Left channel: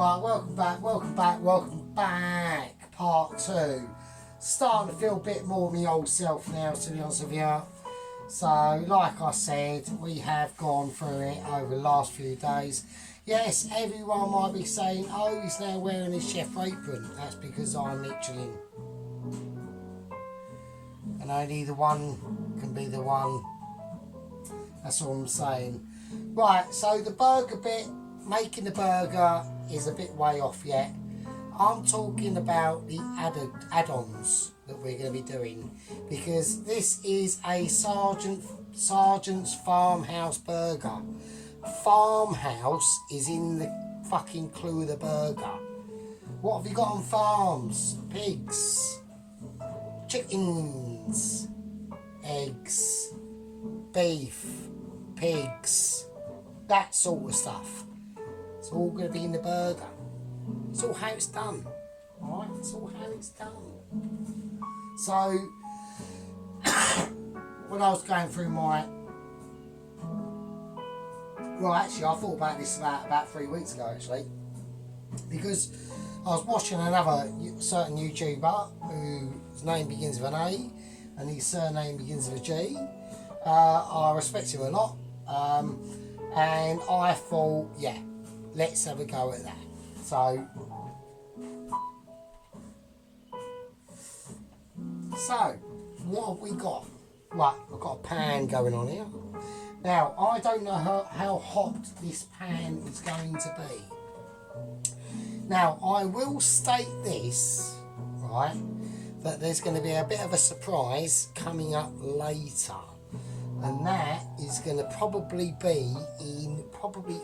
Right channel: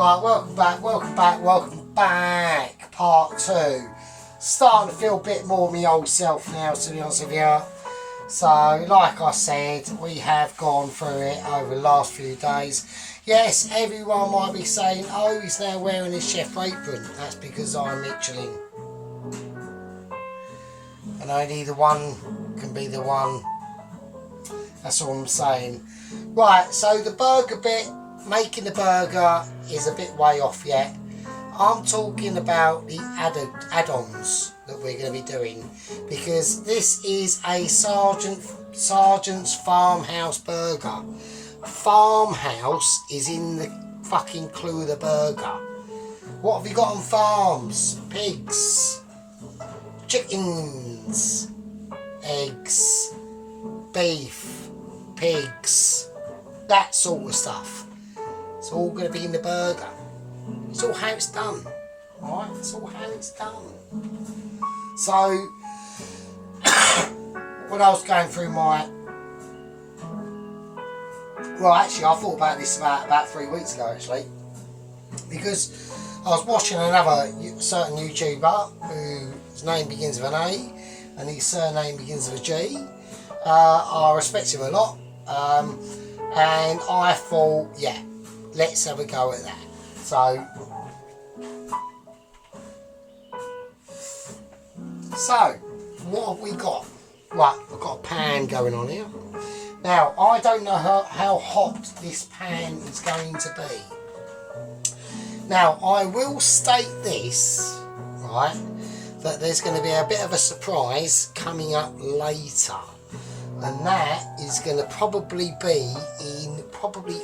Right, welcome back. Part 2. Starting to feel a bit more my old self now, to be honest with you. So, like I said, we have gone through it over the last few days. Yes, everyone might be saying, oh, he's now wearing his chef apron. That's because I'm Michelin. And only the one can be the one. That's all I'm saying. Right, so the burger bit, making the burger is a bit way off yet. I'm talking about the add-ons that we're going to be doing, because this is a Sergeant's Farmhouse burger. Farmhouse is in the fucking clue of the burger. What have you got on farms? Pigs, chickens, eggs, beef, pigs, that sort of stuff. It's all going to be in the burger. It's all how it's done, right? It's all how it's done. So, when I was going through my... Well, actually, I thought about this about 3 weeks ago, actually. Because I was watching another certain YouTuber whose name begins with an A and his surname begins with a G. I respect him a lot. And I thought, yeah, let's have a go at that. So what have we got? Right, I've got a pan going on here. Now, I don't know how hot this pan is going to be. Now, I will state this, right, that there's going to be a bit of a surprise coming up later. And that is going to probably be in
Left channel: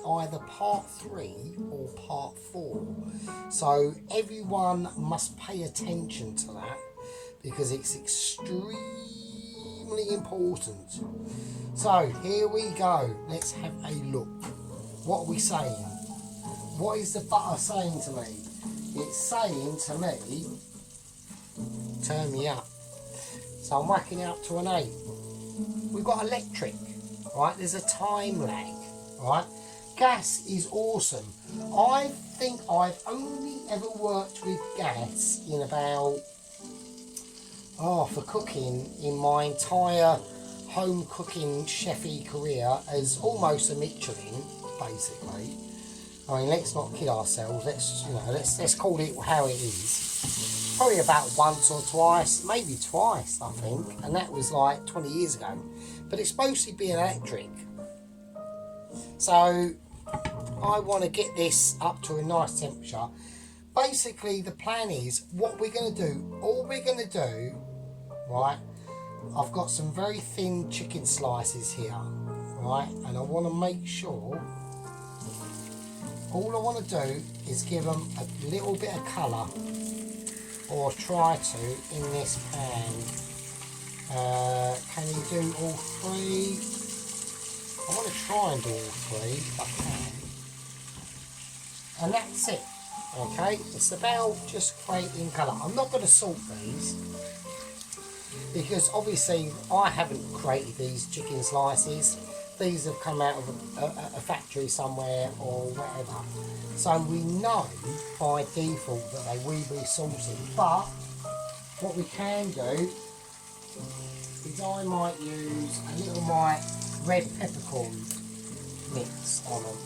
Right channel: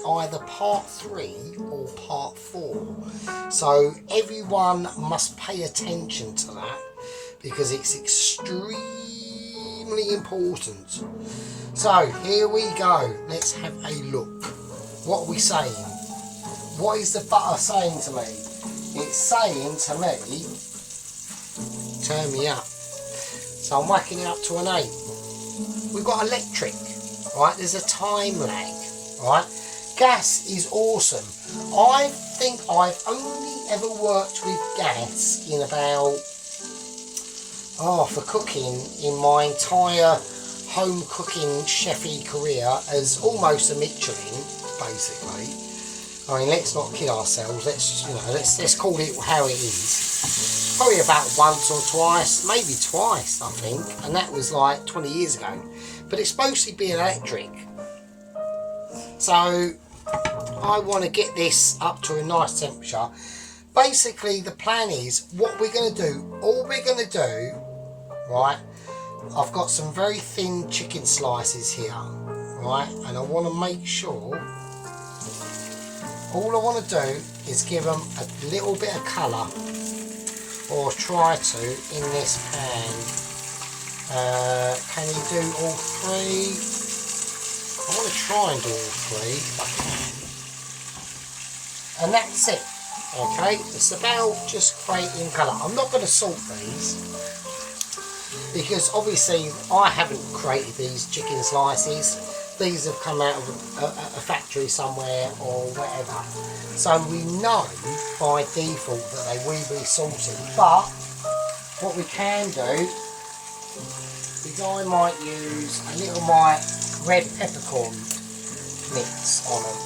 either part 3 or part 4. So everyone must pay attention to that, because it's extremely important. So here we go. Let's have a look. What are we saying? What is the butter saying to me? It's saying to me, turn me up. So I'm whacking it up to an 8. We've got electric, right? There's a time lag, right? Gas is awesome. I think I've only ever worked with gas in about, for cooking, in my entire home cooking chefy career as almost a Michelin, basically. I mean, let's not kid ourselves. Let's call it how it is. Probably about once or twice, maybe twice, I think, and that was like 20 years ago. But it's mostly being electric. So I want to get this up to a nice temperature. Basically, the plan is what we're going to do. All we're going to do, right? I've got some very thin chicken slices here, right? And I want to make sure. All I want to do is give them a little bit of colour, or try to, in this pan. Can you do all 3? I want to try and do all 3 if I can. And that's it, okay? It's about just creating colour. I'm not going to salt these, because obviously I haven't created these chicken slices. These have come out of a factory somewhere or whatever. So we know by default that they will be salty. But what we can do is I might use a little red peppercorn mix on them.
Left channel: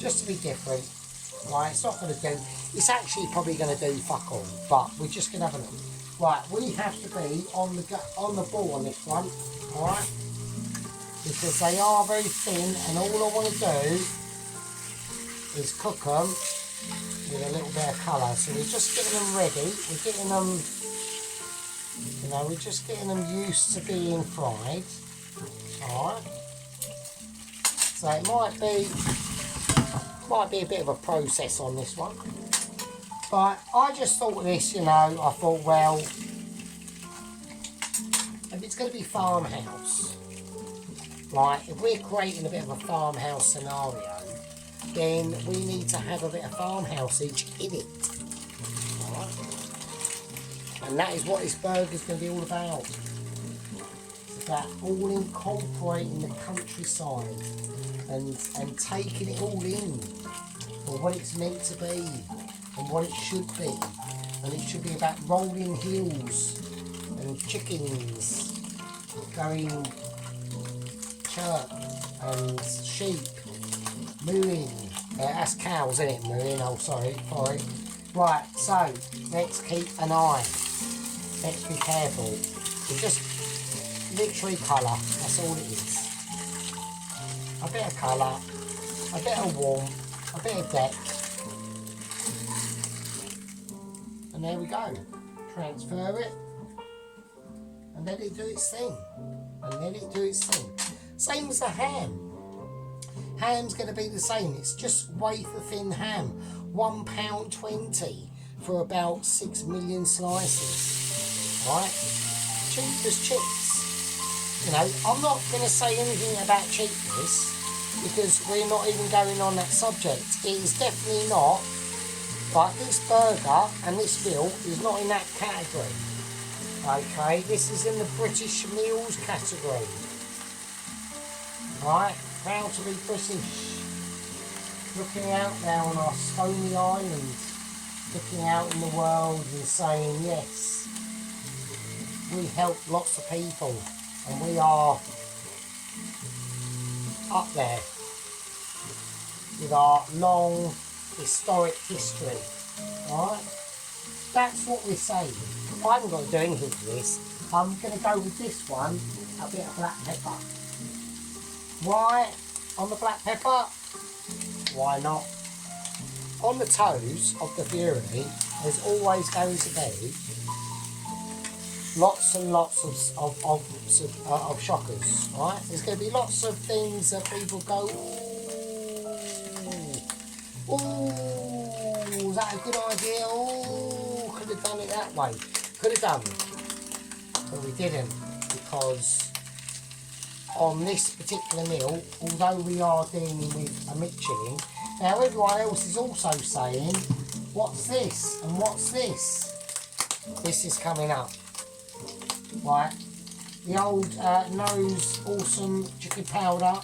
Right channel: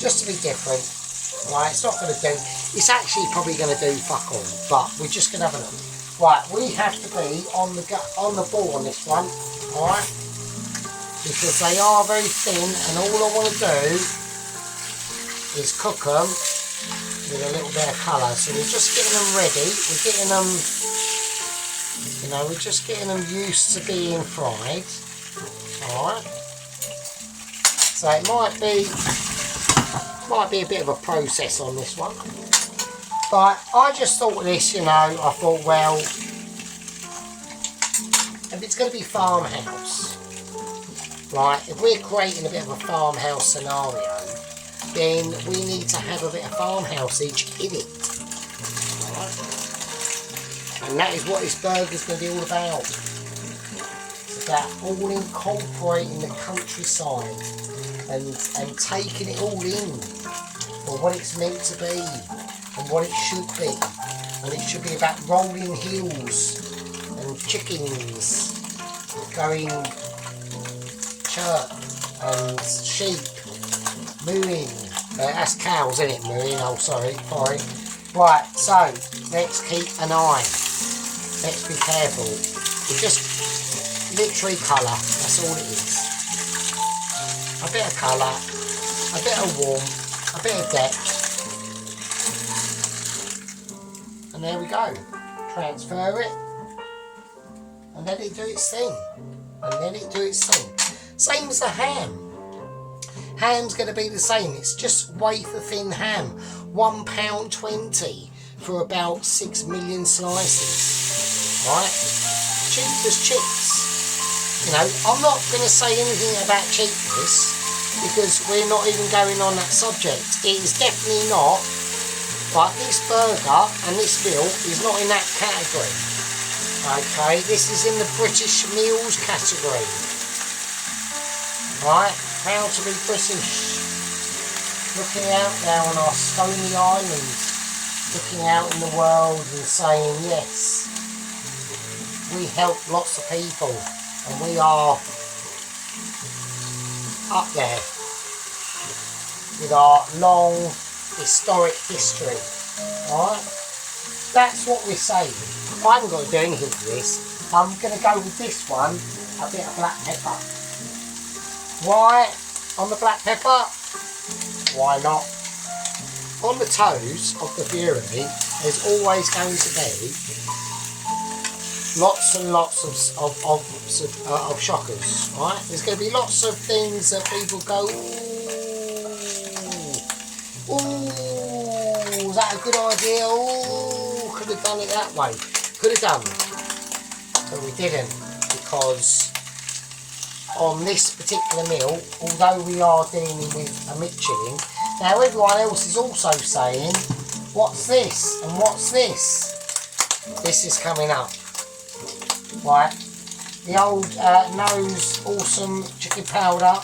Just to be different. Right, it's not going to do, it's actually probably going to do fuck all, but we're just going to have a look. Right, we have to be on the ball on this one, alright? Because they are very thin, and all I want to do is cook them with a little bit of colour. So we're just getting them ready. We're getting them, we're just getting them used to being fried. Alright. So it might be a bit of a process on this one. But I just thought of this, I thought, well, if it's going to be Farmhouse, right, if we're creating a bit of a farmhouse scenario, then we need to have a bit of farmhouse-age in it. Right? And that is what this burger's going to be all about. It's about all incorporating the countryside and taking it all in. or what it's meant to be and what it should be. And it should be about rolling hills and chickens going chirp and sheep mooing. That's cows, isn't it? Mooing, oh sorry. Right, so let's keep an eye. Let's be careful. We just literally colour, that's all it is. A bit of colour, a bit of warmth, a bit of depth. And there we go. Transfer it and let it do its thing. Same as the ham. Ham's going to be the same. It's just wafer thin ham. £1.20 for about 6 million slices. Right? Cheap as chips. You know, I'm not going to say anything about cheapness because we're not even going on that subject. It is definitely not. But this burger and this meal is not in that category. Okay, this is in the British meals category. Right, proud to be British. Looking out now on our stony island, looking out in the world and saying, yes, we help lots of people and we are up there with our long historic history. Alright, that's what we're saying. I haven't got to do anything for this. I'm going to go with this one, a bit of black pepper. Why on the black pepper? Why not? On the toes of the Fury, there's always going to be lots and lots of shockers, right? There's going to be lots of things that people go, ooh, is that a good idea? Ooh, could have done it that way. Could have done, but we didn't, because on this particular meal, although we are dealing with a Michelin, now everyone else is also saying, what's this and what's this? This is coming up, right? The old Nose Awesome Chicken Powder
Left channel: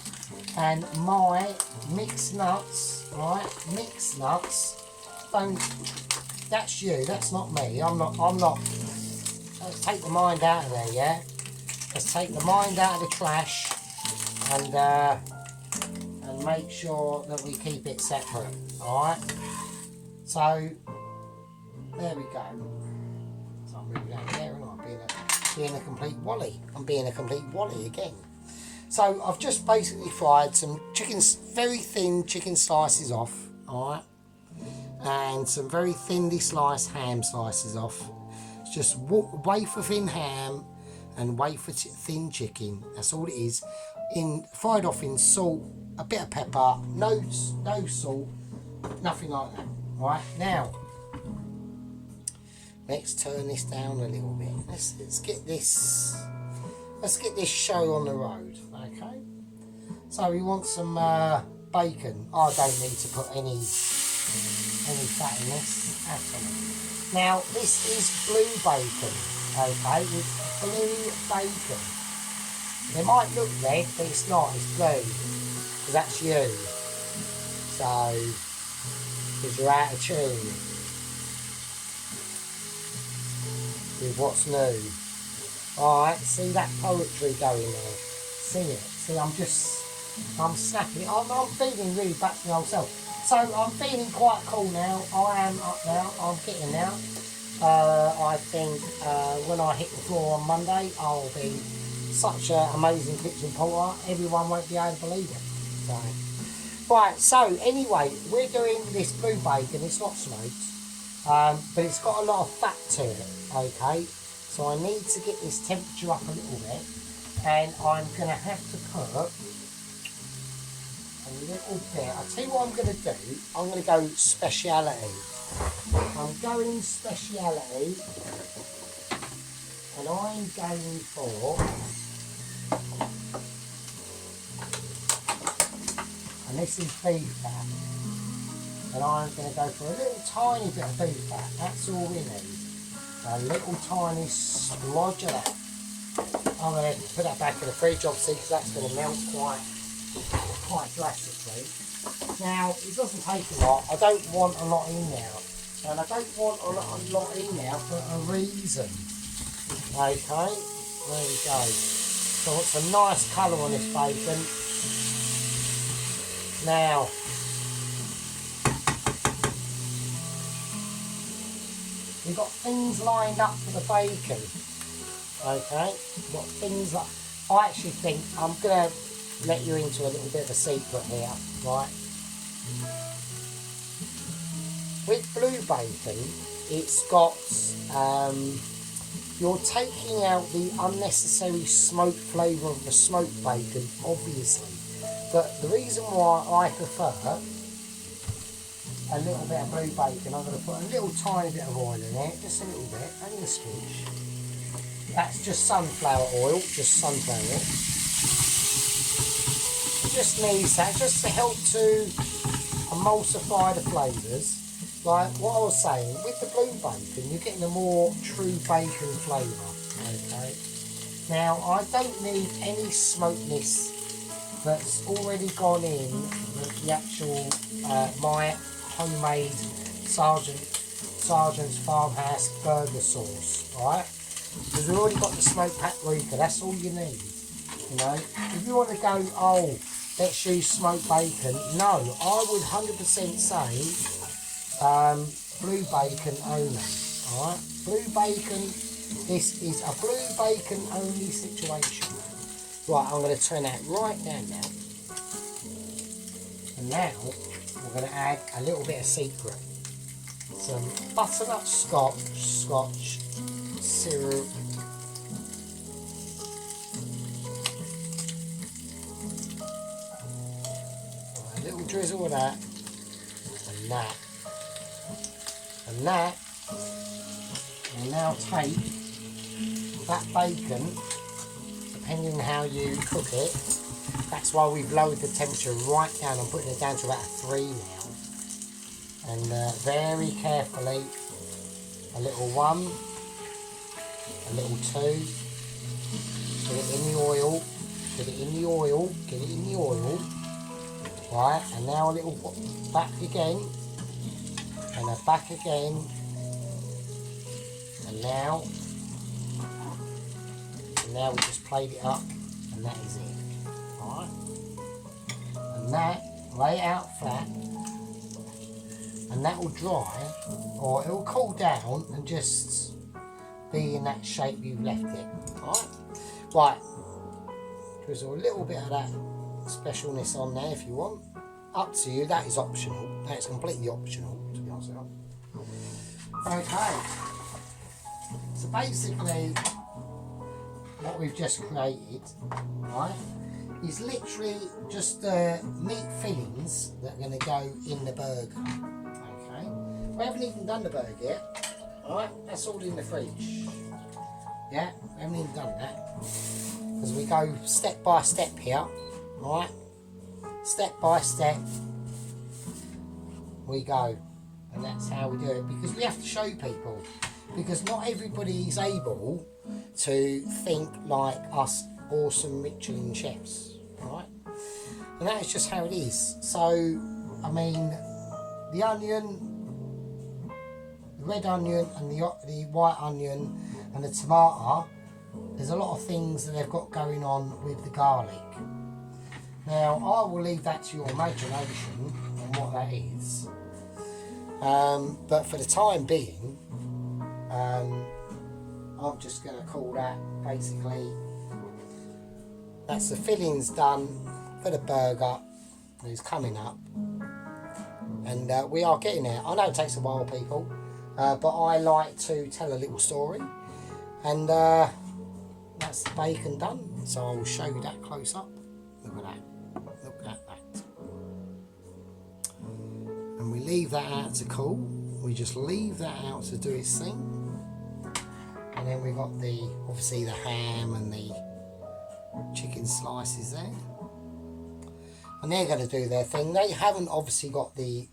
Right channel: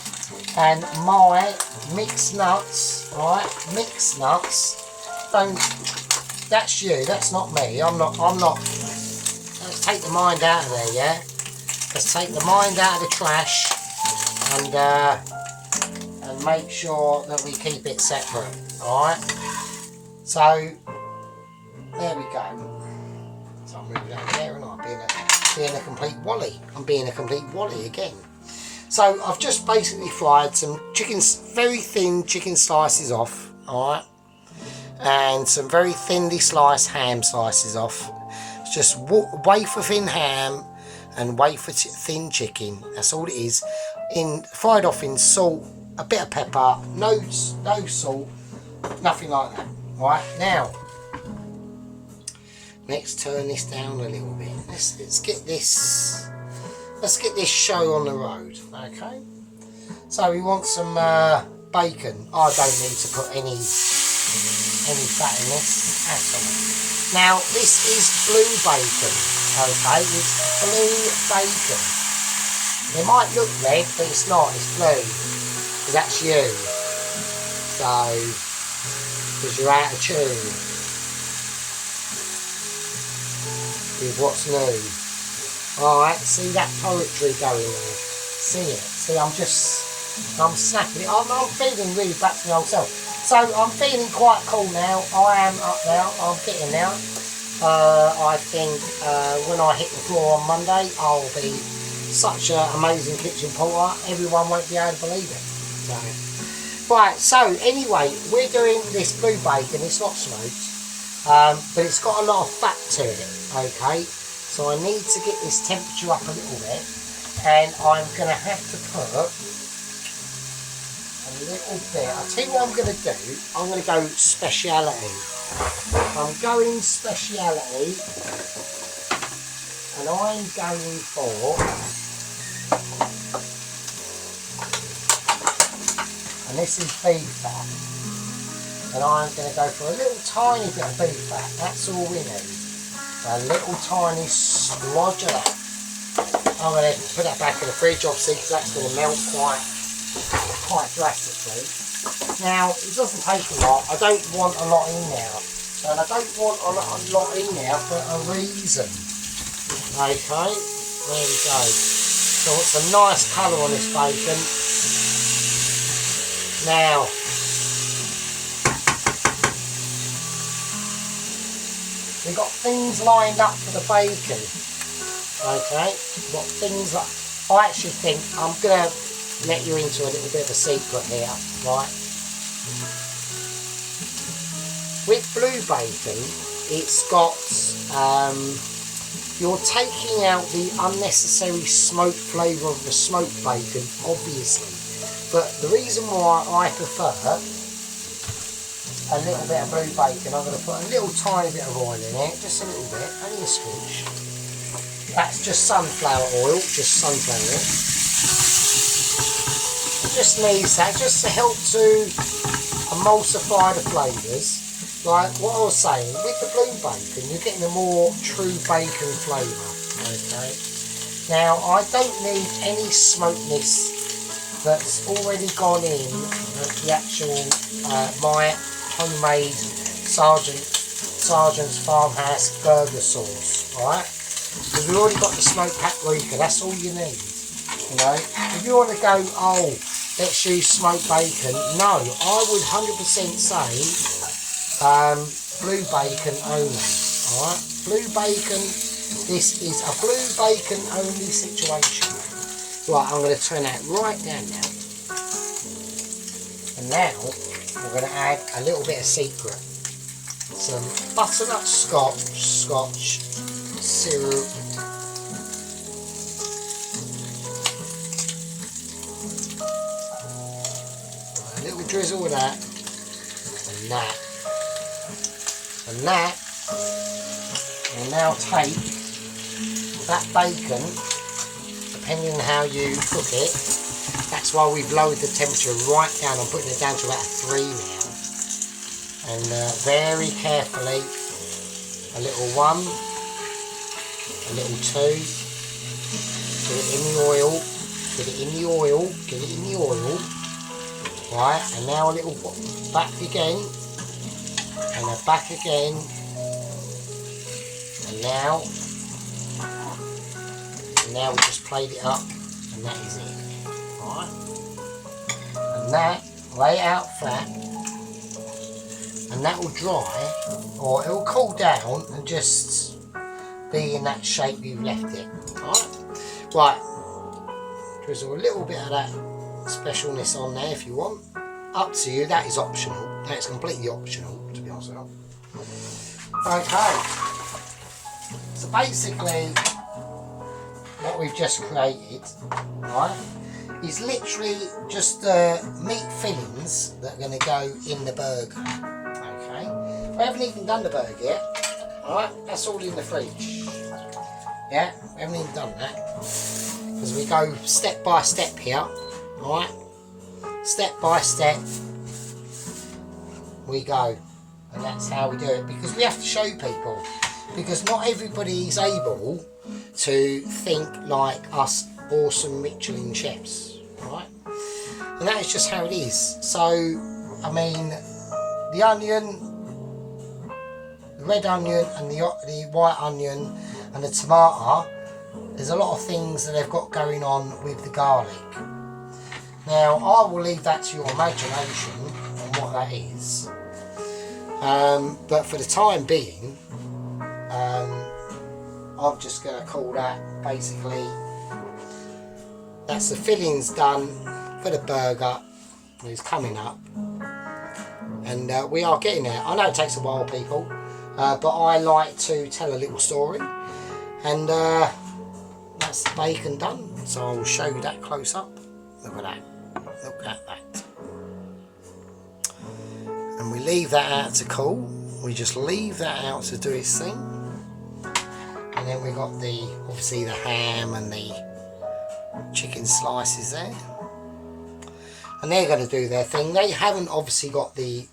and my mixed nuts, right? Mixed nuts. Don't. That's you. That's not me. I'm not. Let's take the mind out of there, yeah. Let's take the mind out of the trash and make sure that we keep it separate. All right. So there we go. So I'm moving over there, and I'm being a complete wally. I'm being a complete wally again. So I've just basically fried some very thin chicken slices off, alright, and some very thinly sliced ham slices off. It's just wafer thin ham and wafer thin chicken. That's all it is. Fried off in salt, a bit of pepper, no salt, nothing like that. Right, now let's turn this down a little bit. Let's get this. Let's get this show on the road, okay? So we want some bacon. I don't need to put any fat in this at all. Now this is blue bacon, okay? It's blue bacon. It might look red, but it's not. It's blue, because that's you. So, because you're out of tune with what's new. Alright, see that poetry going there? See it? See, I'm snapping it. I'm feeling really back to my old self. So I'm feeling quite cool now. I am up now. I'm getting there. I think when I hit the floor on Monday, I'll be such an amazing kitchen porter. Everyone won't be able to believe it. So, right, so anyway, we're doing this blue bacon. It's not smoked, but it's got a lot of fat to it, okay? So I need to get this temperature up a little bit, and I'm going to have to put a little bit. I'll tell you what I'm going to do. I'm going to go speciality. I'm going speciality, and I'm going for, and this is beef fat, and I'm going to go for a little tiny bit of beef fat. That's all we need. A little tiny splodge of that. I'm going to put that back in the fridge, obviously, because that's going to melt quite drastically. Now, it doesn't take a lot. I don't want a lot in there. And I don't want a lot in there for a reason. Okay, there we go. So it's a nice colour on this bacon. Now, we've got things lined up for the bacon. Okay, we've got things like, I actually think I'm going to let you into a little bit of a secret here, right? With blue bacon, it's got, you're taking out the unnecessary smoke flavour of the smoked bacon, obviously. But the reason why I prefer a little bit of blue bacon, I'm going to put a little tiny bit of oil in it, just a little bit, only a squish. That's just sunflower oil, just sunflower oil. It just needs that, just to help to emulsify the flavours. Like what I was saying, with the blue bacon, you're getting a more true bacon flavour. Okay. Now, I don't need any smokiness that's already gone in the actual my homemade Sergeant's Farmhouse burger sauce, right? Because we've already got the smoked paprika. That's all you need. You know, if you want to go, oh, let's use smoked bacon. No, I would 100% say. Blue bacon only, alright? Blue bacon, this is a blue bacon only situation. Right, I'm going to turn that right down now. And now, we're going to add a little bit of secret. Some butternut scotch syrup. Right, a little drizzle of that. And that. And that will now take that bacon, depending on how you cook it. That's why we've lowered the temperature right down. I'm putting it down to about 3 now. And very carefully, a little 1, a little 2. Get it in the oil. Get it in the oil. Get it in the oil. Right, and now a little back again. And then back again, and now we just played it up, and that is it, alright? And that, lay it out flat, and that will dry, or it will cool down and just be in that shape you've left it, alright? Right, drizzle a little bit of that specialness on there if you want. Up to you, that is optional, that's completely optional. Okay, so basically what we've just created, right, is literally just the meat fillings that are going to go in the burger. Okay, we haven't even done the burger yet. Alright, that's all in the fridge. Yeah, we haven't even done that because we go step by step here. Alright, step by step we go. And that's how we do it, because we have to show people, because not everybody is able to think like us awesome Michelin chefs, right? And that is just how it is. So, I mean, the onion, the red onion and the white onion and the tomato, there's a lot of things that they've got going on with the garlic. Now, I will leave that to your imagination on what that is. But for the time being, I'm just going to call that basically, that's the fillings done for the burger. It's coming up, and we are getting there. I know it takes a while, people, but I like to tell a little story, and that's the bacon done. So I will show you that close up. Look at that. Look at that. And we leave that out to cool. We just leave that out to do its thing. And then we got obviously the ham and the chicken slices there. And they're going to do their thing. They haven't obviously got the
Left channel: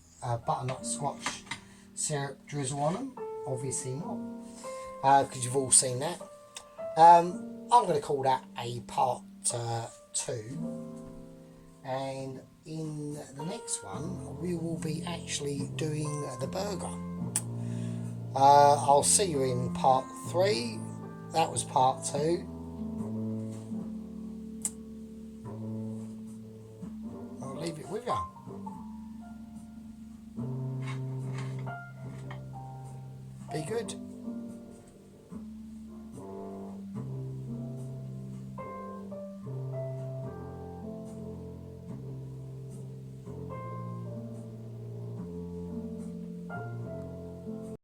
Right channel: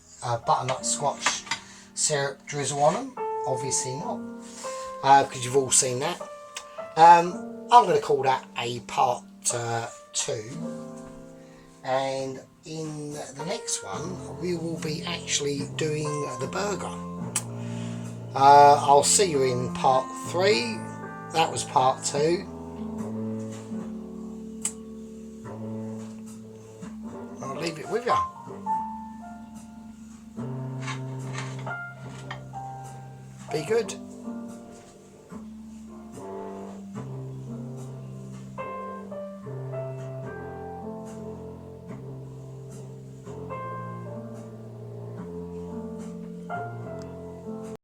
butternut scotch syrup drizzle on them. Obviously not. Because you've all seen that. I'm going to call that a part 2. And in the next one we will be actually doing the burger. I'll see you in part 3. That was part 2. I'll leave it with you. Be good.